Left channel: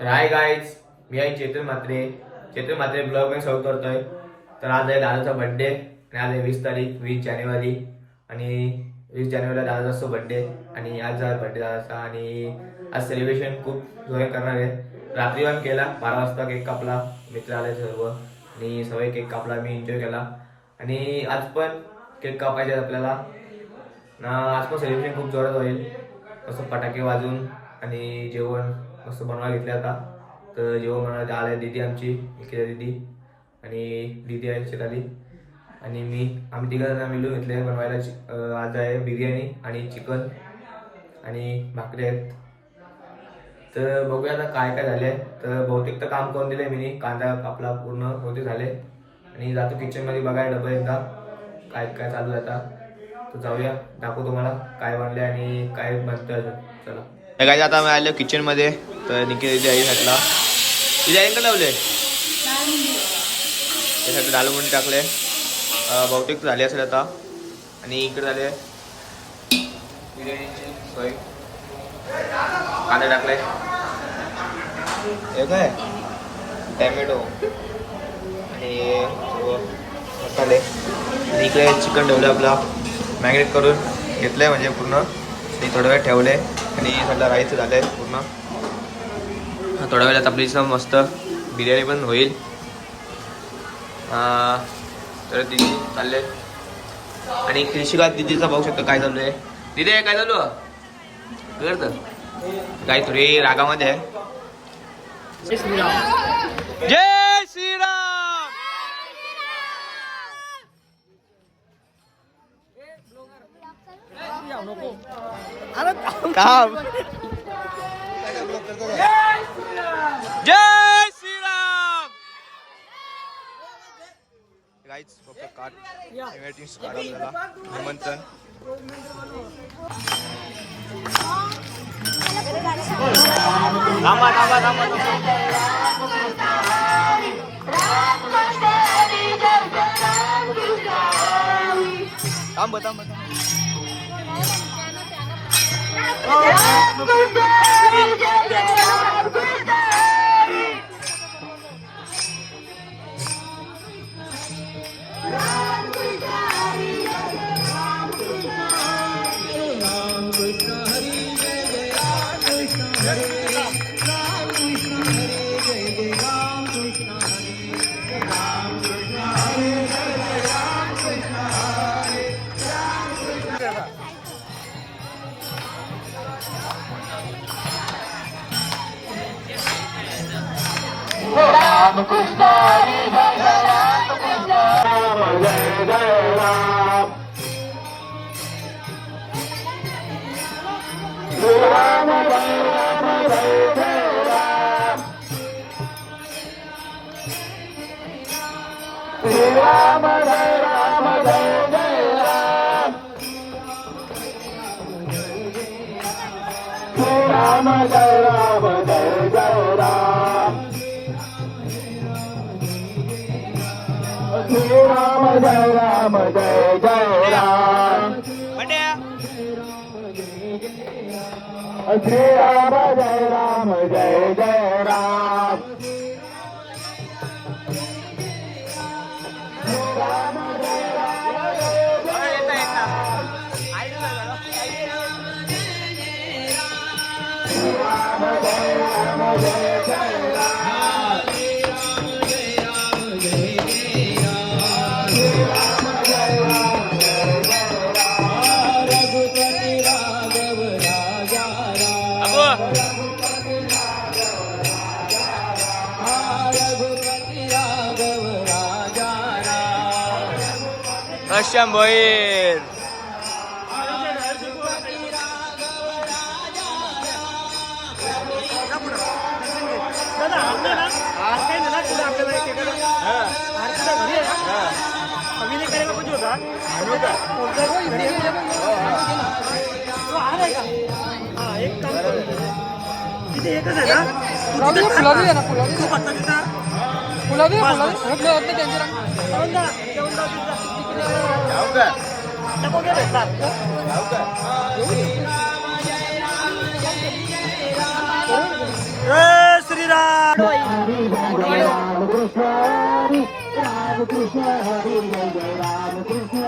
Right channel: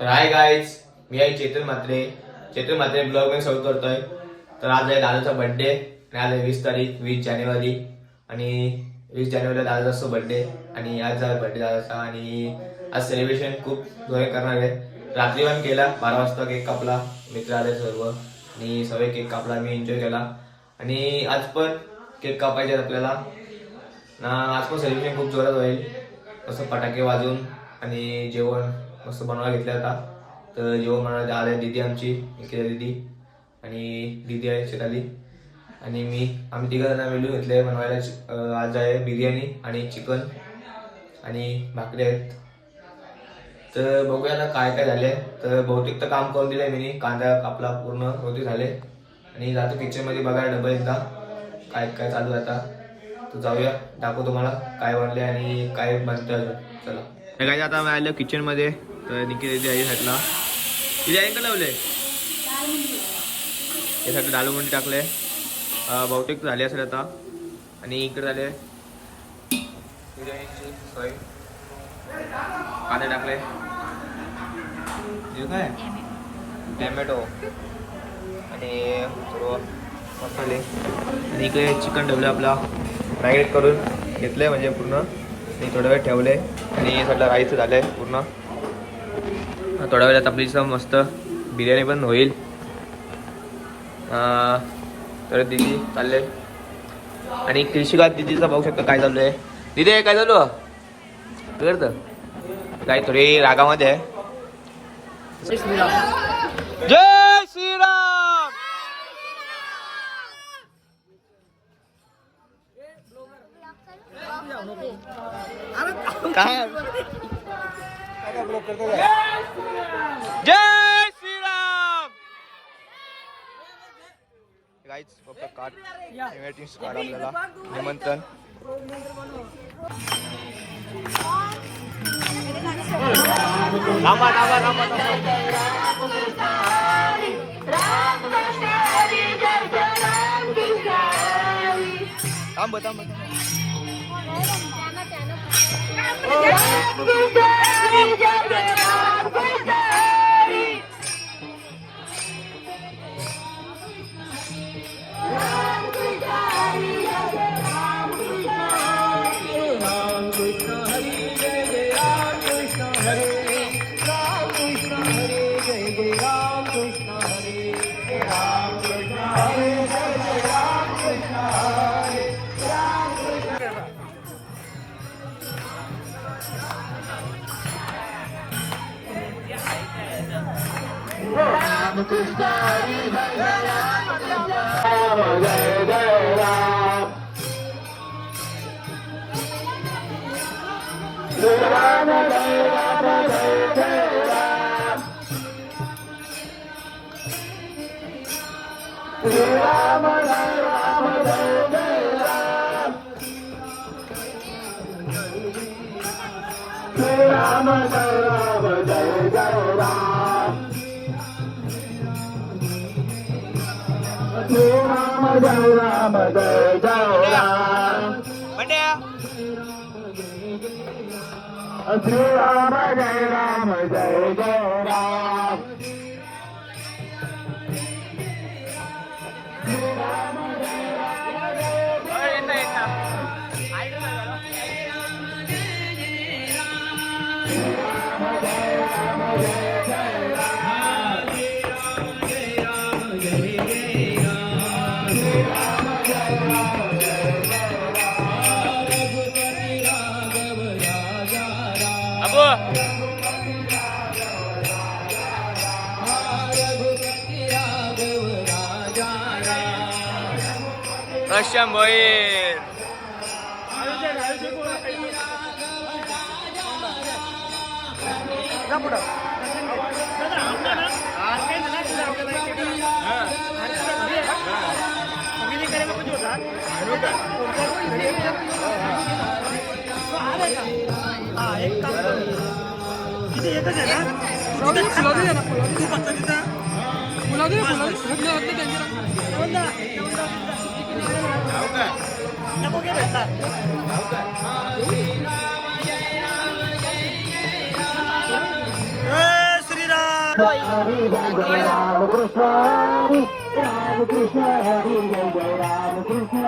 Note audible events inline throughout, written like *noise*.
तर hi guys मी आहे चेतन म्हात्रे. चेतन म्हात्रे ब्लॉगमध्ये सौत करतोय. तर आज आहे दादाचा बर्थडे आणि आज आहे वीस तारीख वीस जानेवारी. आणि वीस जानेवारीला दादाचा असतो बर्थडे आणि आज आहे बर्थडे दादाचा. आणि आज सेलिब्रेशन खूप जोरे करणार आहे. रात्री पण केला बारा वाजता केक कापला मित्र आले सर्व. आणि सगळे केक कापला मी एन्जॉय केला. आणि आज पण केक कापायचे आहेत आपल्याला. ना आज पण सेलिब्रेशन खूप जोरात होईल. असं फटाके वाजून आणि जेवण. मस्त बनवायला घेतलं आता तर जेव्हा बनवायला आले दीदी आमची इकडे दीदी आणि दीदी आहे शेताली आणि मी आम्ही तिघं जण मिळून घेतले बनवायला. आज आहे बिर्याणी आणि चिकन आणि भाकरी आहेत. तर बघूया आता काय काय झाले तर बहुतेक तर काम करून दिलं आहे मी कांदा कापला पूर्ण बहुतेक झाले. आणि जातो किचनमध्ये बघायला डबल एकदा. काय काय चालू आहे आता. तर जाऊया. दाखवू तुम्हाला काय बनले आणि काय बनतं अजून. चला. काय आता मी आलो किचनमध्ये तर निकी आई साईडला. तिथे आई का लावले? यासाठी डालू मुंडी टाकले. बहुतेक झाले असेल आता. आणि इकडे झाले. कांदे टाकले. हे काय? टॅमॅटो. आणि मसाले. आणि इकडे चिकन ठेवलं आपला. मॅग्नेट करून घेतलंय म्हणजे पूर्ण. आणि थोडं वेळ ठेवले. आणि सगळं राईस झालंय पूर्ण. थोड्या वेळात आपली मस्त बिर्याणी पण होईल. तर दिदी चालले. आणि कृषिका दिदीचा बघू शकतो काय चालू आहे? दिदी काय चालू करत काही थोडी रागामध्ये आहे. जय श्रीराम! काम जय श्रीराम गाईच फक्त कार्ड इन्व्हायटिंग कार्ड आपल्याला निमंत्रण थांबा थांबा थांबा थांबा थांब थांब रामकृष्ण बंड्या अरे कशा मोईल फुलादी फुलादी आहे కృష్ణ హరి జయ జయ రామ కృష్ణ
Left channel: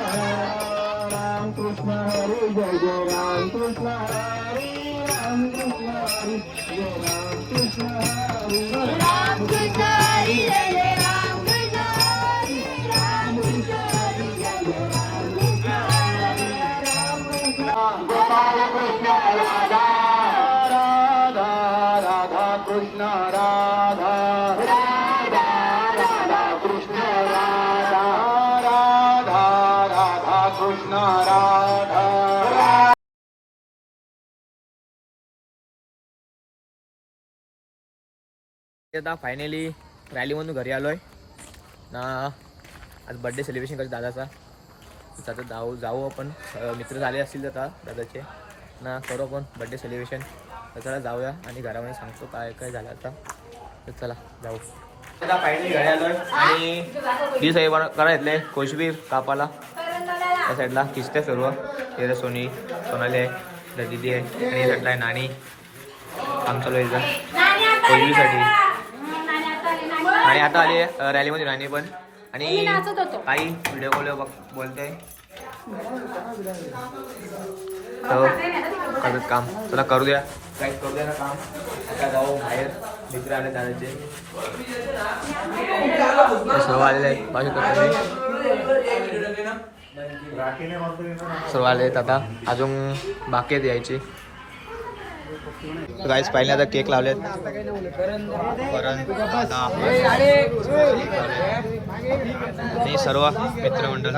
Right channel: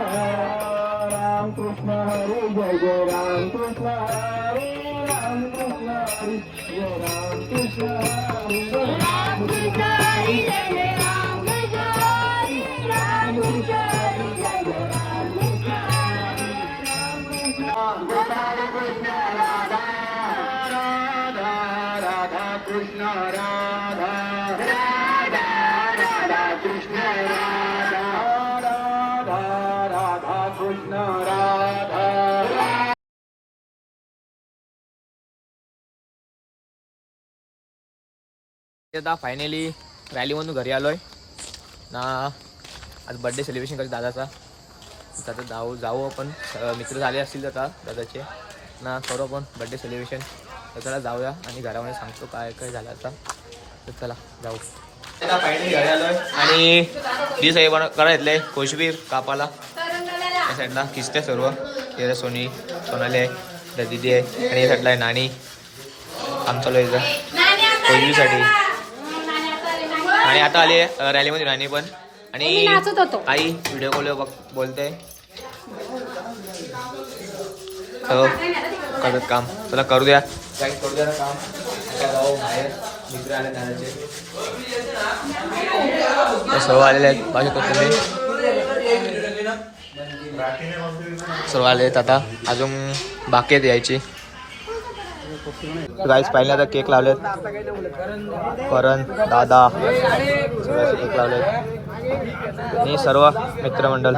రామ కృష్ణ హరి జయ జయ రామ కృష్ణ హరి రామ కృష్ణ హరి జయ రామ కృష్ణ आता फायनली रॅलीमधून घरी आलोय. ना आज बड्डे सेलिब्रेशन करतो दादाचा. आता जाऊ जाऊ आपण. मित्र झाले असतील आता दादाचे. ना करू आपण बड्डे सेलिब्रेशन तर चला जाऊया आणि घरामध्ये सांगतो काय काय झालं आता. तर चला जाऊ. आता फायनली घरी आलोय. आणि डी साहेब करा घेतले कोशबीर कापाला. या साईडला किस्ते सर्व. तेरा सोनी सोनाली आहे दिदी आहे आणि या साईडला आहे चालू आहे इथं कोशबीसाठी आणि आता आली आहे रॅलीमध्ये राणी पण. आणि काही व्हिडिओ कॉल बघ बोलते. हो करत काम. चला करू द्या. काही करू द्या ना काम. आता जाऊ बाहेर. मित्र आले दादाचे सर्व आलेले आहेत. पाहू शकतो तुम्ही सर्व आले आता अजून बाकी आहेत यायची. गाईस पाहिले आता केक लावलेत. करण दादा. केक लावलेत. आणि सर्व मित्रमंडळ.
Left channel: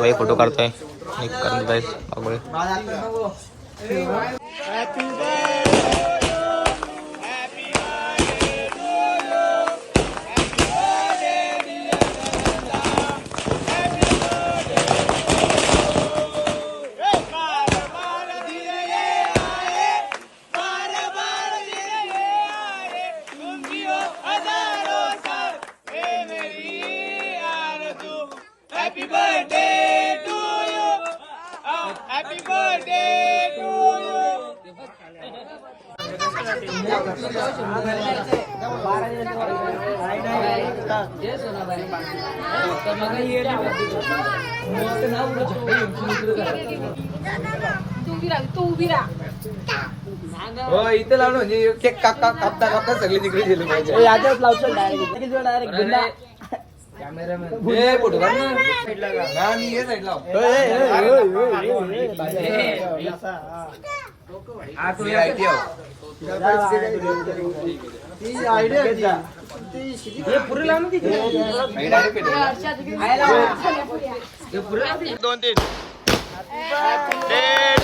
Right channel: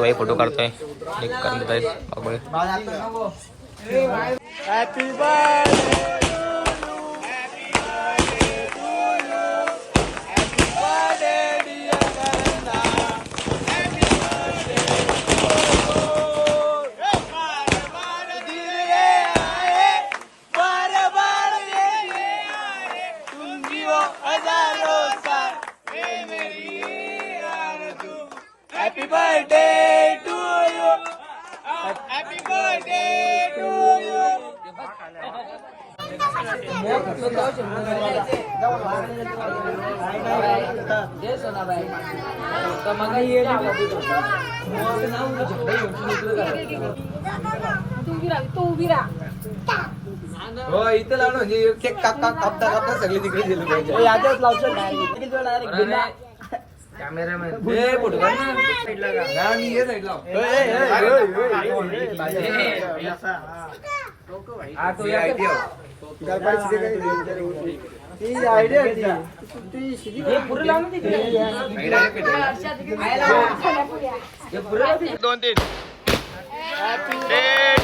भाई फोटो काढतोय. करून देत हॅपी हो इथे लावलं म्हणजे केक काप कापता कापता सगळे तिकडे गेले पाहिजे. याच्यात लावतो डायरेक्ट ए, फोटो काढ ना. मी side लाव. हा. हे. दोन तीन Day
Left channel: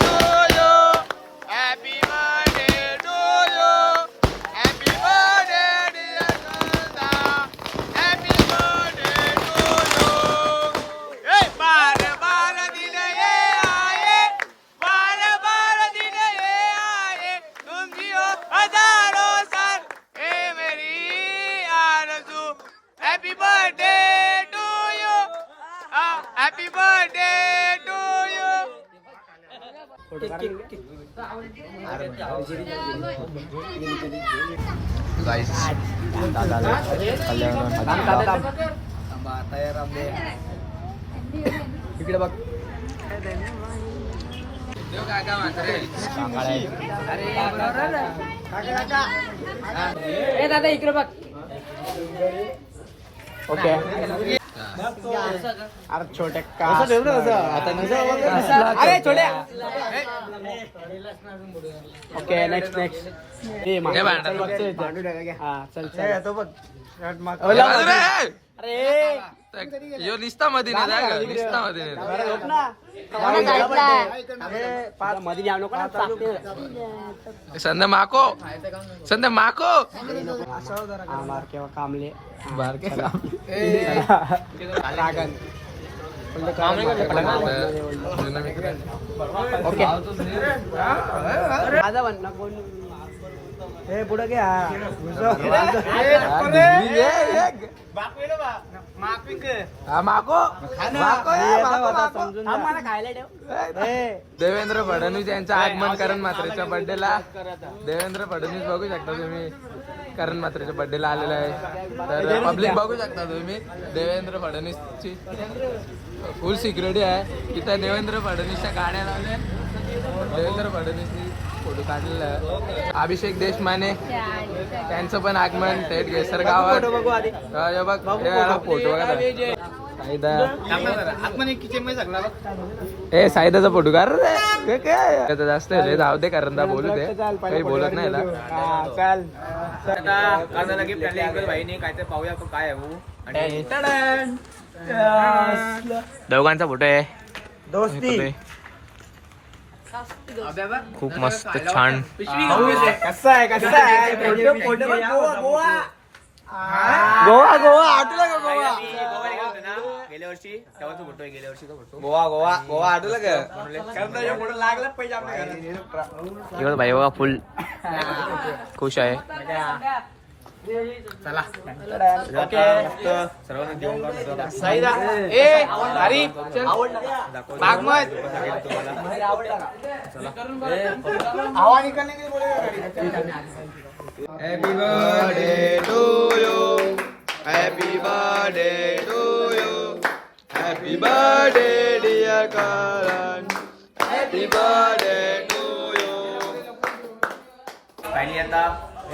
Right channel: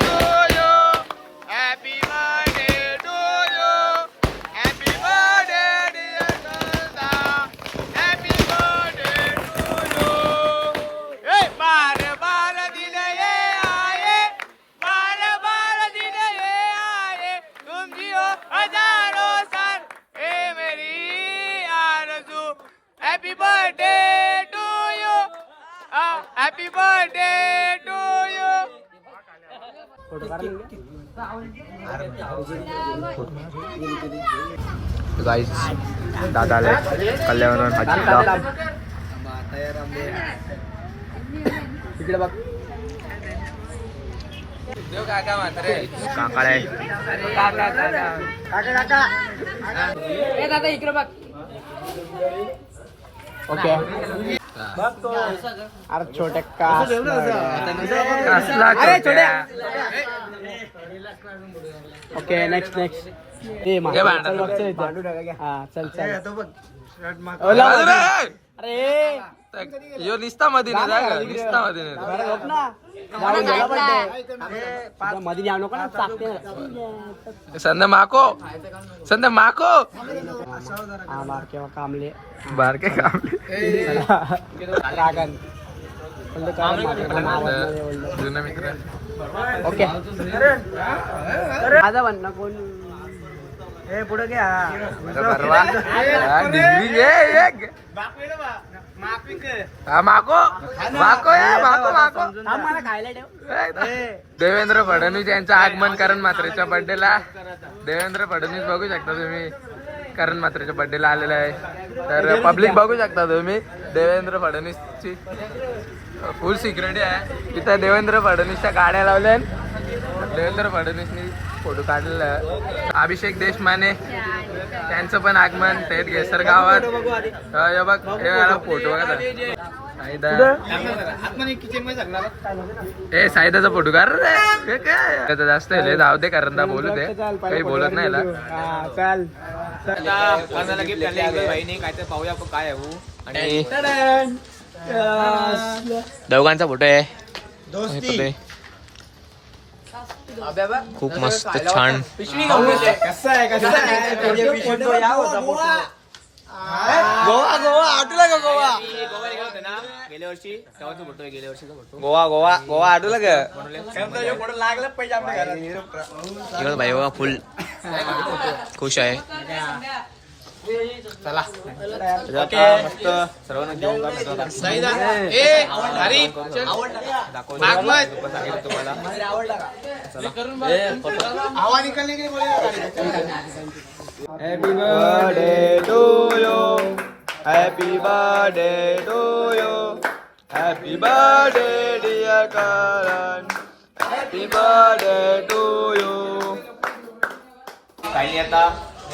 गाईस दादा आले. कल्याण हजीला थांबा, तयार आंबे. इकडे बघ काका आहे इकडे बघ. ओके. अरे छोट्या का अरे छोट्या. ओके नेक्स्ट नेक्स्ट हे भांडण. हा चल चल. अरे यो. निस्ता मध्ये नाही जाय ग. निस्ता मध्ये मध्ये जाऊ नको ना टाकते ना संध्या माको. संध्या माको. आम्हाला कामले. बारके काम *laughs* लागन. जुना मित्र ओके हे पुढे घ्या देवेंद्र फडणवीस यांचं आगमन करण मात्रेच्या बर्थडेला देवेंद्र फडणवीस बघू शकता तुम्ही. करण मात्रेच्या बर्थडेला आलेला आहे. तर पब्लिक बघू शकता तुम्ही देवेंद्र फडणवीसची फुल सिक्युरिटी आहे. इथं देवेंद्र फडणवीसच्या गाड्या लावल्या देवेंद्र फडणवीसनी फोटो काढलेला. अभिषेक देशमाने त्यांचं पण आगमन थेट घेसर गावात बघ हे फोटो बघा. ए साईदाचा फोटो काढ रे. काय? त्याचं जास्त आहे, धाव दे कारण दा बोलू दे. काही बोलत नाही याला. आता कर्नाला गिफ्ट आणले इंगल भाईने. काय तर पाहूया आपण काय आहे हो. आणि दोघांचा फोटो आहे. खूप मस्त छान. कसा आहे कसा आहे? गोवा गोवा गोवा आठवला का गोवा? गेल्या वर्षी तेव्हाचा फोटो आहे गेल्या वर्षीचा फोटो गोवा गोवा गोवा आठवलं का? फोटो लागला पाहिजे आपल्या भाई बघा फुल खुश आहे. चला ओके मस्त सर्वांना जेवण करून तुम्हाला हवा निकलने के लिए बोलेगा Happy birthday to you. Happy birthday to you. Happy birthday, dear Karan. Happy birthday to you. काही आता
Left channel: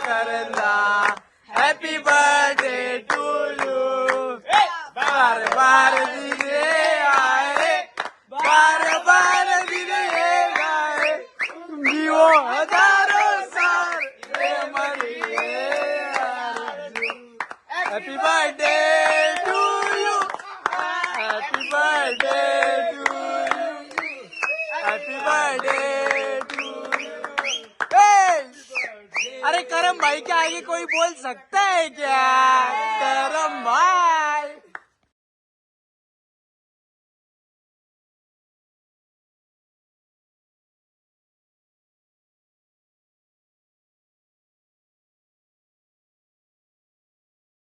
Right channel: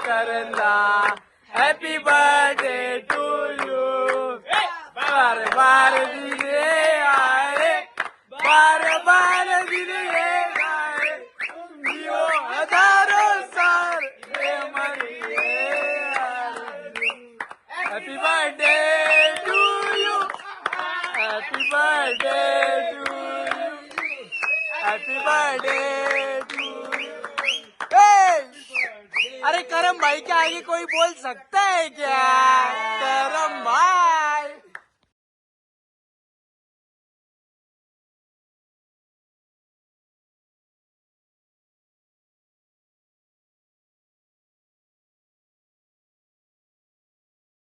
dear Karanda. Happy birthday to you. बार बार दिने आए बार बार दिने आए जीवो हजारों साल ये मरिए Happy birthday to you. Happy birthday to you. Happy birthday to you. Hey! अरे करम भाई के आगे कोई बोल सकता है क्या करम भाई.